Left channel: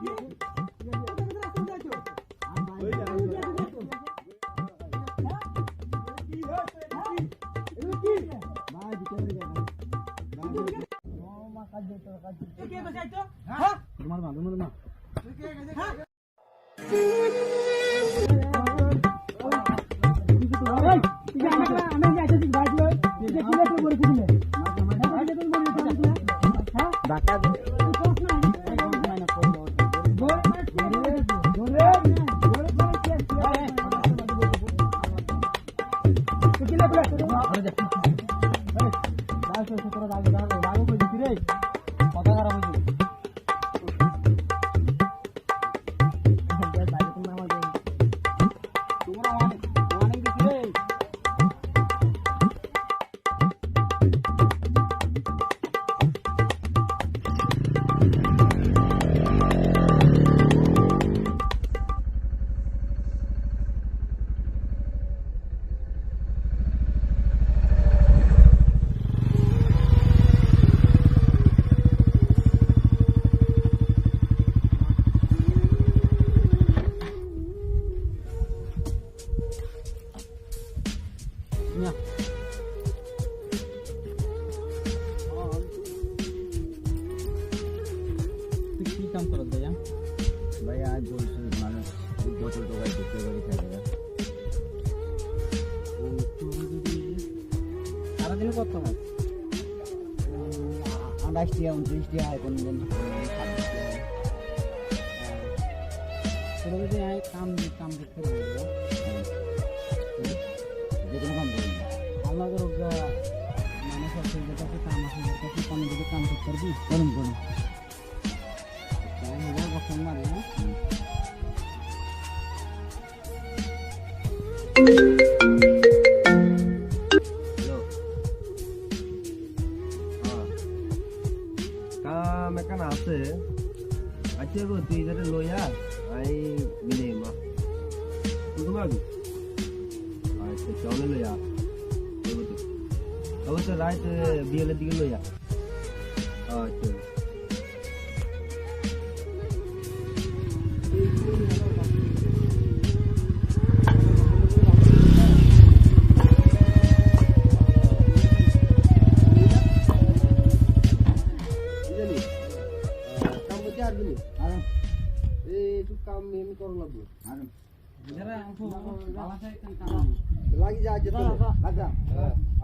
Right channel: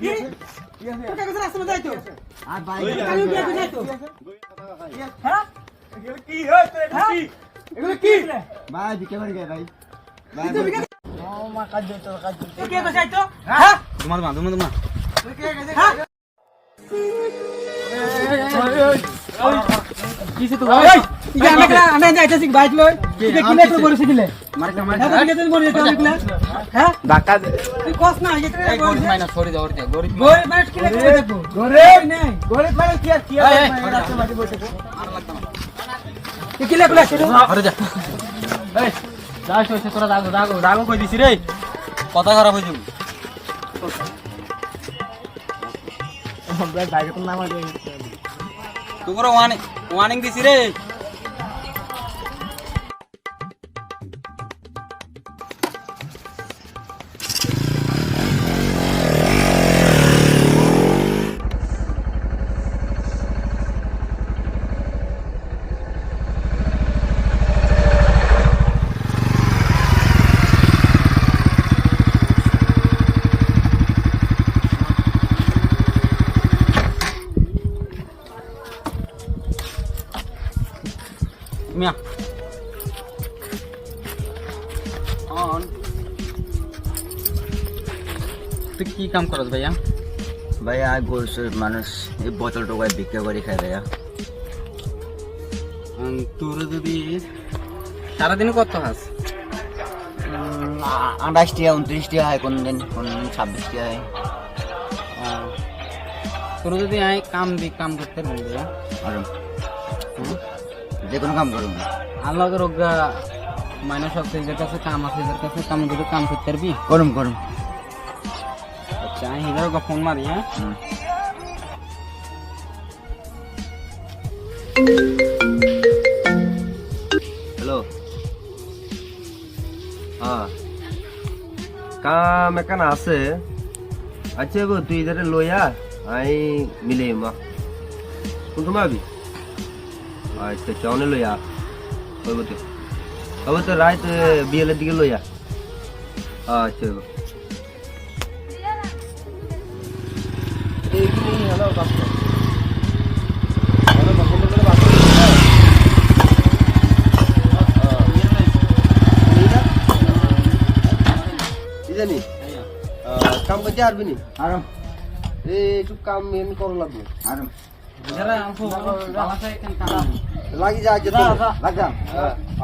তোকে কাছে রাস্তা যাই তো আর ভাই কালু বিয়ে যাই তো হ্যাঁ কি হচ্ছে কি এগুলো কি ভাই বিকে করে গে ভাই ভাই ও মা কাজ দে তো কাজ দে কে কাছে যাই তো হ্যাঁ তোমার কে কাছে হ্যাঁ কিছে তো ওই ইয়া আমরা যাইতেছি বাইক লই এটা কি লেখলো বলছিস দিলে মার হ্যাঁ তো বলে তো লিখলা হ্যাঁ ধাক্কা তুই কস না এটা এই গরিব মাইনা সরি দাও রে গরিব গোল মানে কি লেখলো দেখো গরিব নাই গরিব মানে কি আর কি এই, এই, রাস্তা মাটি বসে কি লেখলো সেটা আরে যা এই যাস হইছে তোরা দাগো কই দিছি রে কথা খারাপ হই যাবে আমরা বাইরে কোন নাম আছে তোমরা ওয়ার্নিং দিছি রে মিয়া তুই কি কাম করছ ভাইয়া ভাইয়া গোলসের মানুষ এই বোতল টোকায় বিক্রি করে খায় ভাইয়া তোর যদি সারাদিন কত হাস 28 টিয়া 29 টিয়া হয় কোন দিন 26 টিয়া হয় তোর যদি আই কাম করতে পারি আর যে কোনো কাম করুন আল্লাহ রোগা মানে সব সেজের কাছে কাম আছে এদের কাছে কাম যদি কাম করতে পারবি করুন করুন আচ্ছা আমি হিজার ফোন মারি হ্যাঁ হ্যালো হ্যাঁ কাম এখানে আছে আচ্ছা গো তুই ইধারে লইয়া আই মিলে মা কোন সময় আবি আচ্ছা চাউনে লইয়া হইব তো হবে তো রাত বিয়েলের দিকে লইয়া আচ্ছা গো জানি কাম করতে পারবি নি আর একটু কাম এমনি করা লাগবে আর যারা আমফো বালাতে কেন কাম লাগি যায় আগে যা লাগা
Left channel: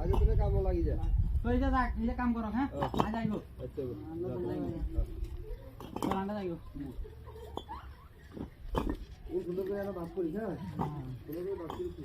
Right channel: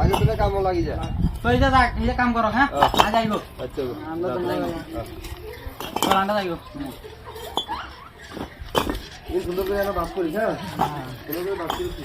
আগে থেকে কাম লাগি যায় তো এই যা এই কাম করো হ্যাঁ আজ আইবো আচ্ছা গো আমরা তো যাইবো তোর আন্ডা যাইবো এই সুন্দর করে একটা বাস করিস হ্যাঁ সুন্দর করে বাস করিস